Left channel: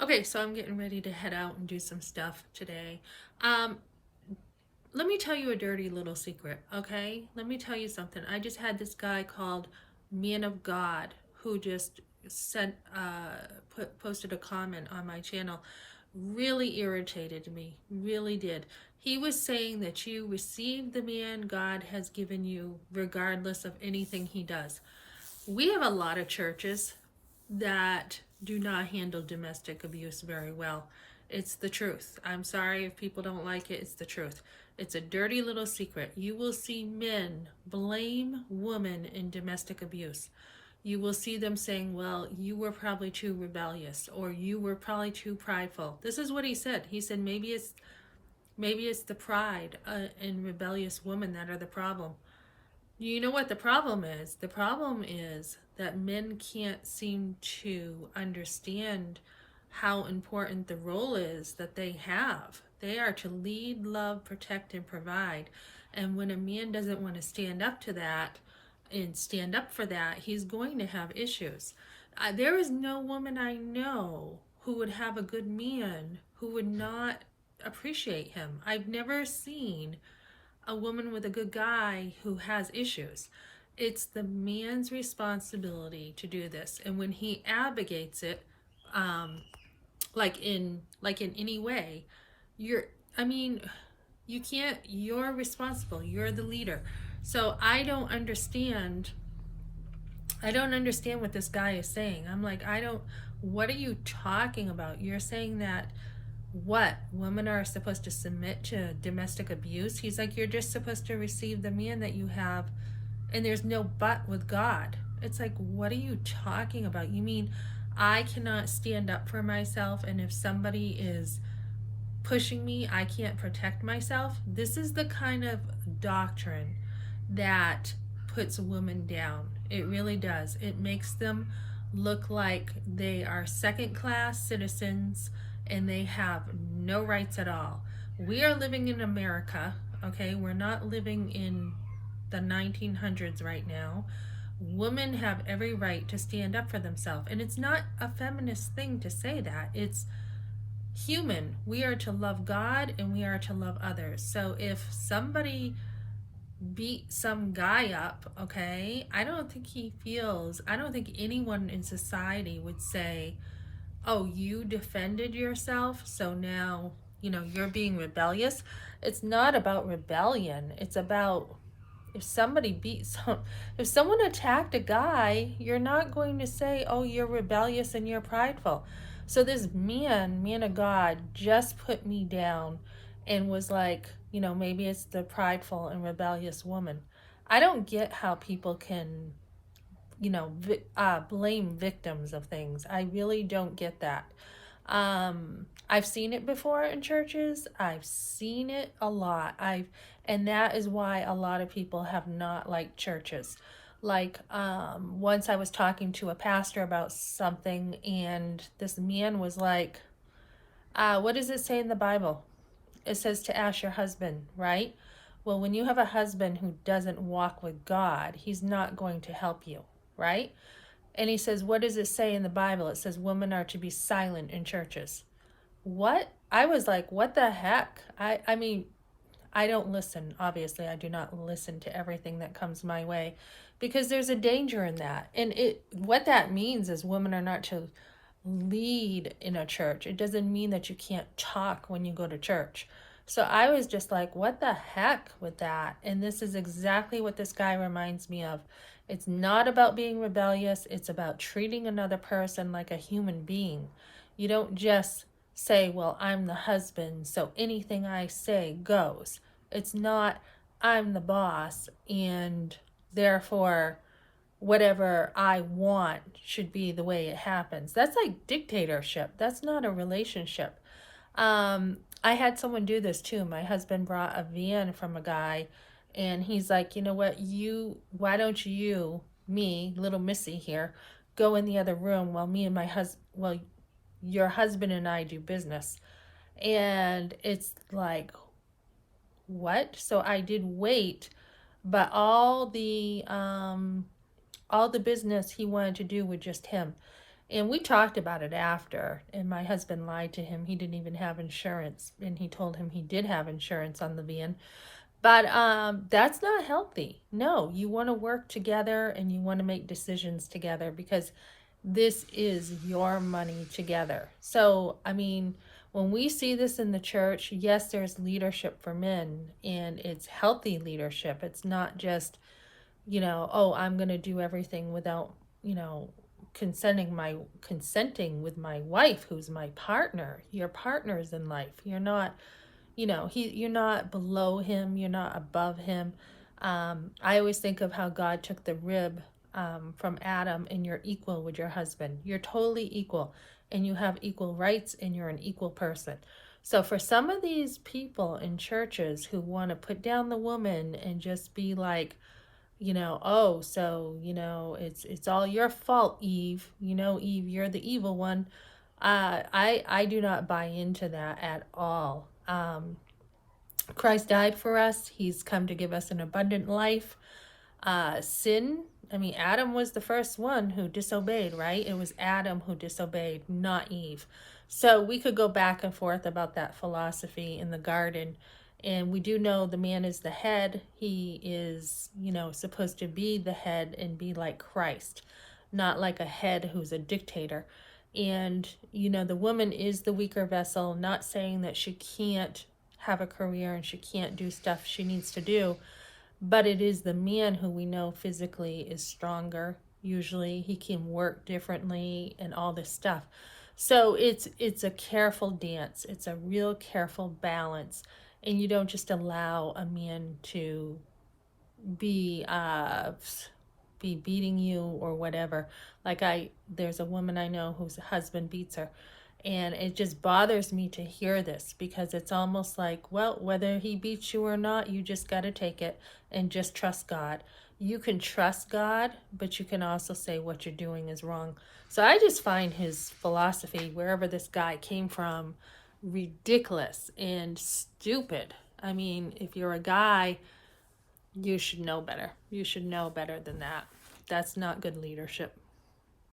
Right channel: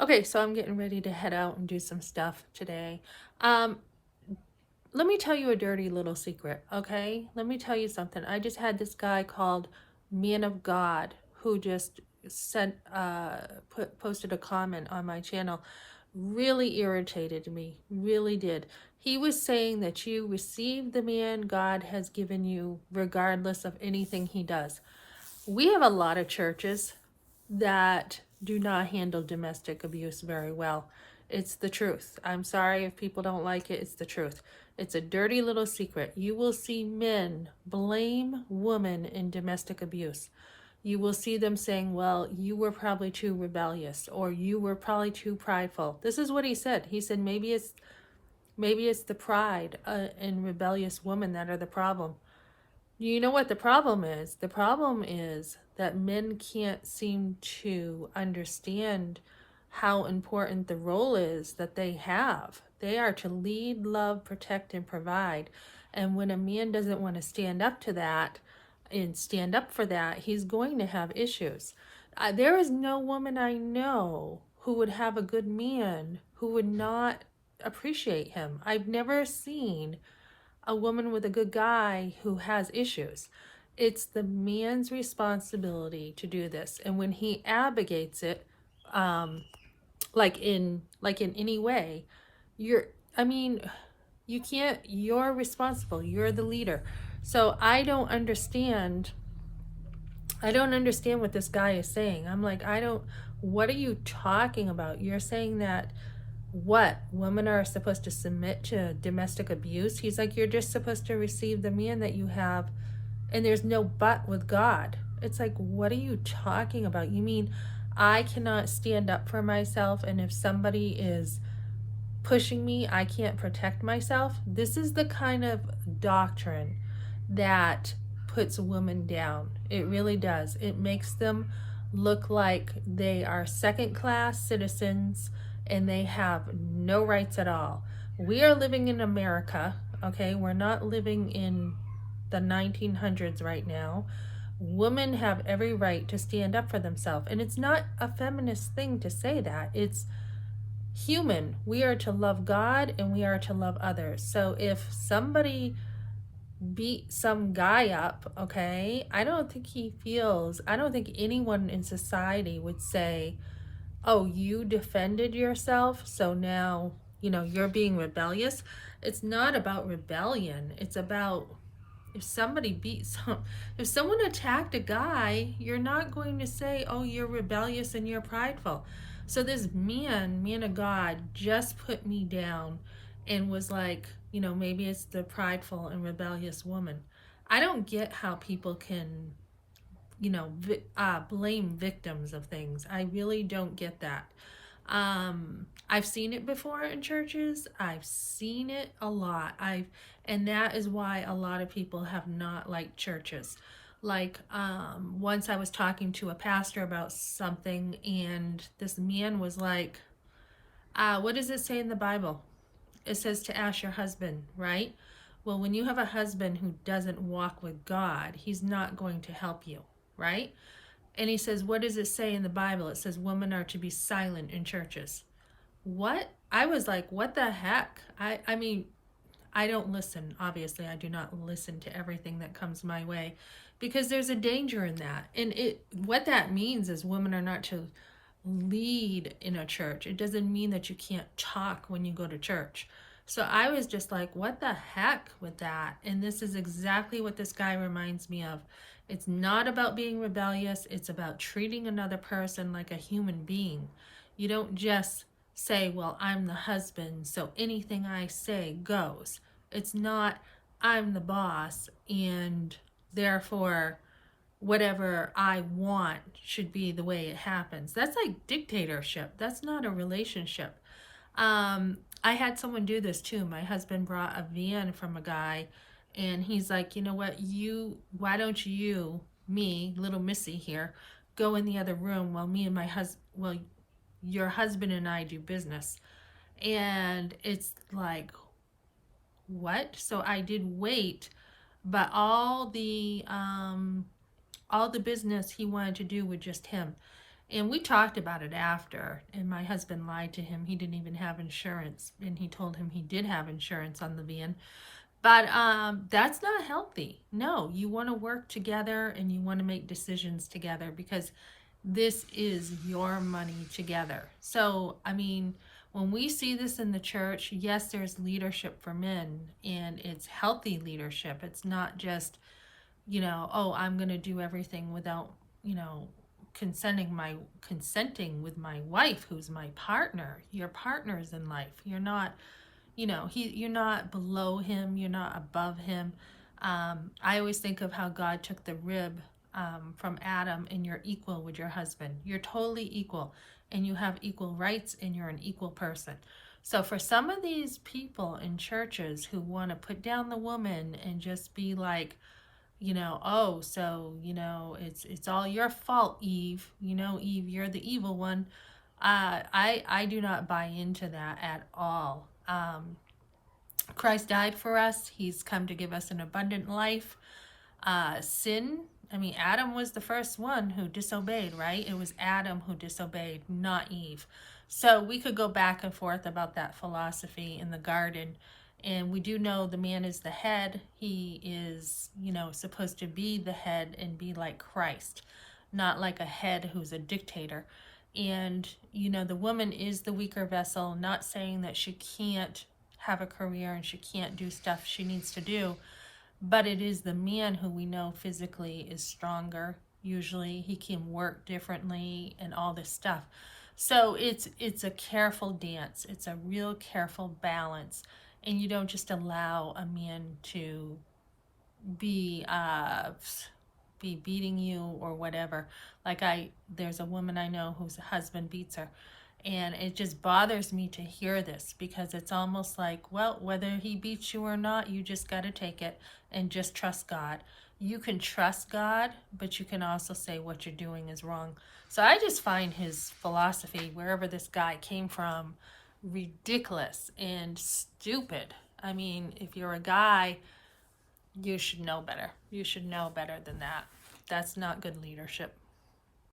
Okay, so I'm getting ready to head out and do some stuff today. Um, Let me tell you a dirty little secret, okay? Let me tell you something. I just had this guy called ManofGod who just sent posted a comment on my channel. Really irritated me, really did. He was saying that you receive the man God has given you regardless of anything he does. We have a lot of churches that do not handle domestic abuse very well. It's the truth. I'm sorry if people don't like it. It's the truth. It's a dirty little secret. You will see men blame women in domestic abuse. You will see them saying, well, you were probably too rebellious or you were probably too prideful. This is what he said. He said maybe it's the pride and rebellious women that are the problem. You know what the problem is? The problem is that men can't seem to understand how important the role is that they have. They are to lead, love, protect, and provide. And when a man doesn't want to stand up to that and stand up for that, he's going to have issues. There is no woman I know who would have a good man who would not appreciate him. I've never seen a woman with a good guy who has issues. It's the man's responsibility to do this. And when he abrogates it, um, like in any way, you're I mean, you can't you're responsible. You're the leader. So I don't understand what this guy is saying. I'm like, what are you talking about? You're saying that what women are supposed to submit to domestic abuse? He's like, you're just supposed to receive the man that you have, and there's no but with God. It's like, what are you talking about? You mean I cannot stand up for myself, and if somebody is pushing me, I can't protect myself? This is the kind of doctrine that puts women down. It really does. It makes them look like they are second class citizens and they have no rights at all. We are living in America, okay? We're not living in the 1900s right now. Women have every right to stand up for themselves. And it's not a feminist thing to say that. It's human. We are to love God and we are to love others. So if somebody beat some guy up, okay, I don't think anyone in society would say, oh, you defended yourself, so now, you're being rebellious. It's not about rebellion. It's about if somebody if someone attacked a guy, you're not going to say, oh, you're rebellious and you're prideful. So this man of God, just put me down and was like, maybe it's the prideful and rebellious woman. I don't get how people can, blame victims of things. I really don't get that. I've seen it before in churches. I've seen it a lot. And that is why a lot of people have not liked churches. Like, once I was talking to a pastor about something, and this man was like, what does it say in the Bible? It says to ask your husband, right? Well, when you have a husband who doesn't walk with God, he's not going to help you, right? And he says, what does it say in the Bible? It says women are to be silent in churches. What? I was like, what the heck? I mean, I don't listen. Obviously, I do not listen to everything that comes my way because there's a danger in that. And what that means is women are not to lead in a church. It doesn't mean that you can't talk when you go to church. So I was just like, what the heck with that? And this is exactly what this guy reminds me of. It's not about being rebellious. It's about treating another person like a human being. You don't just say, well, I'm the husband, so anything I say goes. It's not, I'm the boss, and therefore whatever I want should be the way it happens. That's like dictatorship. That's not a relationship. I had someone do this too. My husband brought a van from a guy, and he's like, you know what, why don't you, me, little Missy here, go in the other room while your husband and I do business. And it's like, what? So I did wait, but all the business he wanted to do with just him. And we talked about it after, and my husband lied to him. He didn't even have insurance, and he told him he did have insurance on the van. But that's not healthy. No, you want to work together and you want to make decisions together, because this is your money together. So, I mean, when we see this in the church, yes, there's leadership for men, and it's healthy leadership. It's not just, oh, I'm going to do everything without, consenting with my wife, who's my partner. Your partner's in life. You're not, you're not below him, you're not above him. I always think of how God took the rib from Adam, and you're equal with your husband. You're totally equal, and you have equal rights, and you're an equal person. So for some of these people in churches who want to put down the woman and just be like, oh, so, it's all your fault, Eve. Eve, you're the evil one. I do not buy into that at all. Christ died for us. He's come to give us an abundant life. Adam was the first one who disobeyed, right? It was Adam who disobeyed, not Eve. So we could go back and forth about that philosophy in the garden. And we do know the man is the head. He is, supposed to be the head and be like Christ, not like a head who's a dictator. And, the woman is the weaker vessel, not saying that she can't have a career and she can't do stuff she needs to do, but it is the man who we know physically is stronger. Usually he can work differently and all this stuff. So it's a careful dance. It's a real careful balance. And you don't just allow a man to be beating you or whatever. There's a woman I know whose husband beats her, and it just bothers me to hear this, because it's almost like, well, whether he beats you or not, you just got to take it and just trust God. You can trust God, but you can also say what you're doing is wrong. So I just find his philosophy, wherever this guy came from, ridiculous and stupid. I mean, if you're a guy, you should know better. You should know better than that. That's not good leadership.